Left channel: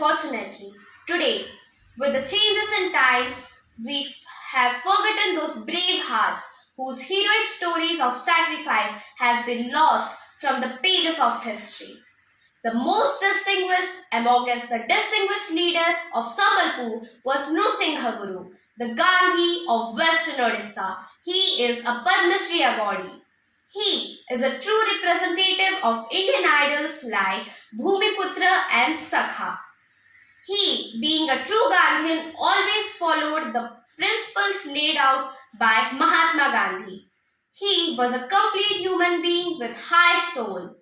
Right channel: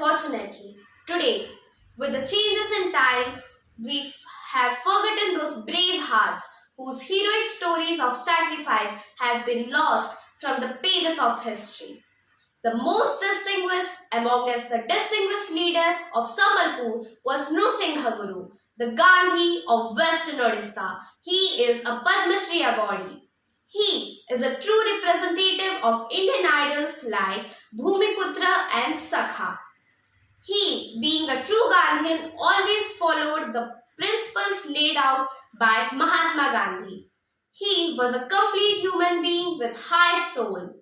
unfortunately, today, with the changes in time, we have forgotten those brave hearts whose heroic stories of sacrifice has been lost from the pages of history. The most distinguished amongst the distinguished leader of Sambalpur was Nrsimha Guru, the Gandhi of Western Odisha. He is a Padma Shri awardee. He is a true representative of Indian idols like Bhumiputra and Sakha. He, being a true Gandhian, always followed the principles laid out by Mahatma Gandhi. He was a complete human being with high soul,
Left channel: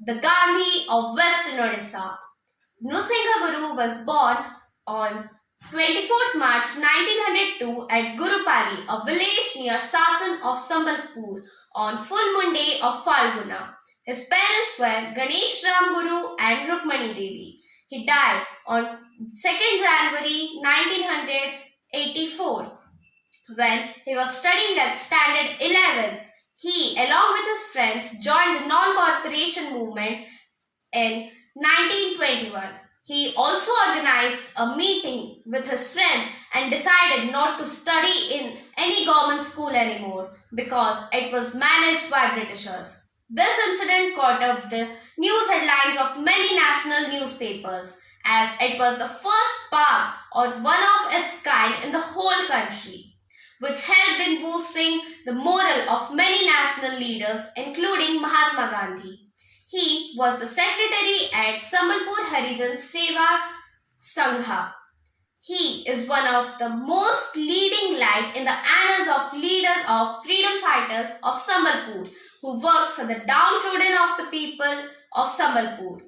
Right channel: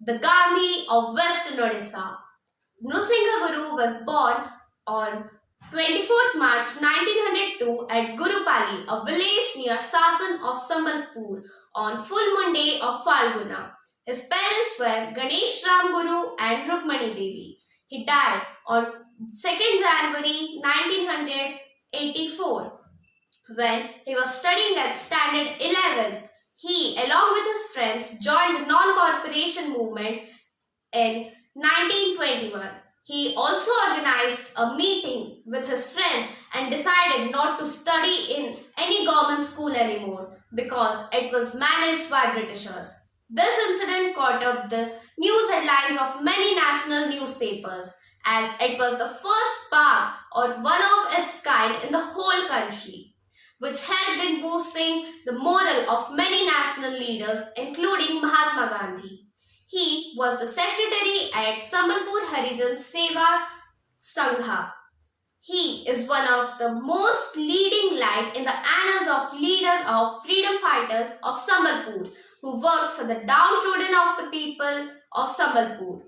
the Gandhi of Western Odisha. Nrsimha Guru was born on 24th March 1902 at Gurupali, a village near Sasan of Sambalpur, on full moon day of Falguna. His parents were Ganesh Ram Guru and Rukmani Devi. He died on 2nd January 1984 when he was studying at Standard 11th. He, along with his friends, joined the non-corporation movement in 1921. He also organized a meeting with his friends and decided not to study in any government school anymore because it was managed by Britishers. This incident caught up the news headlines of many national newspapers as it was the first park or one of its kind in the whole country, which helped in boosting the morale of many national leaders including Mahatma Gandhi. He was the secretary at Sambalpur Harijan Seva Sangha. He is one of the most leading light in the annals of leaders of freedom fighters of Sambalpur who worked for the downtrodden of the people of Sambalpur.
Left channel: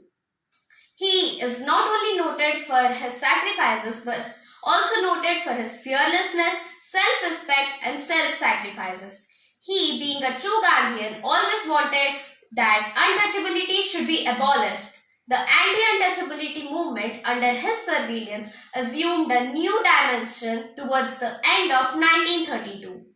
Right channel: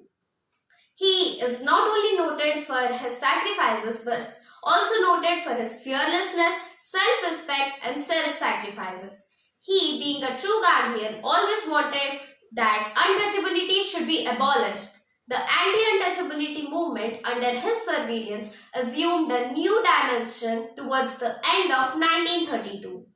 He is not only noted for his sacrifices but also noted for his fearlessness, self-respect and self-sacrifices. He, being a true Gandhian, always wanted that untouchability should be abolished. The anti-untouchability movement under his surveillance assumed a new dimension towards the end of 1932.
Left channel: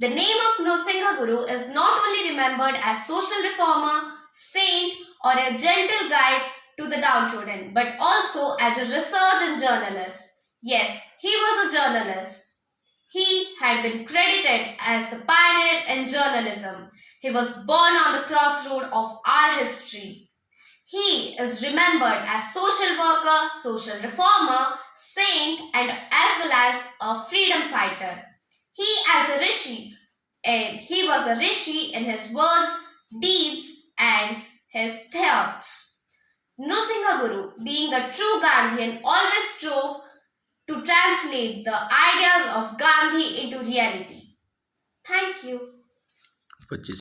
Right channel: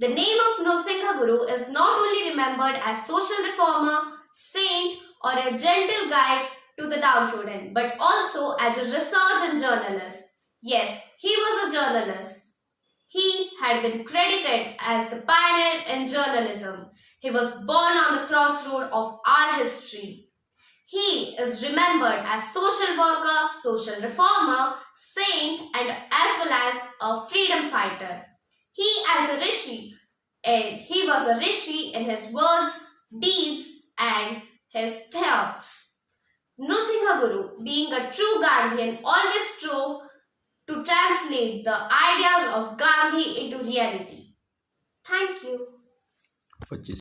The name of Nrsimha Guru is not only remembered as social reformer, saint or a gentle guide to the downtrodden, but also as a research journalist. Yes, he was a journalist. He had been credited as the pioneer in journalism. He was born on the crossroad of our history. He is remembered as social worker, social reformer, saint and as well as a freedom fighter. He was a rishi in his words, deeds and his thoughts. Nrsimha Guru, being a true Gandhian, always strove to translate the ideas of Gandhi into reality. Thank you.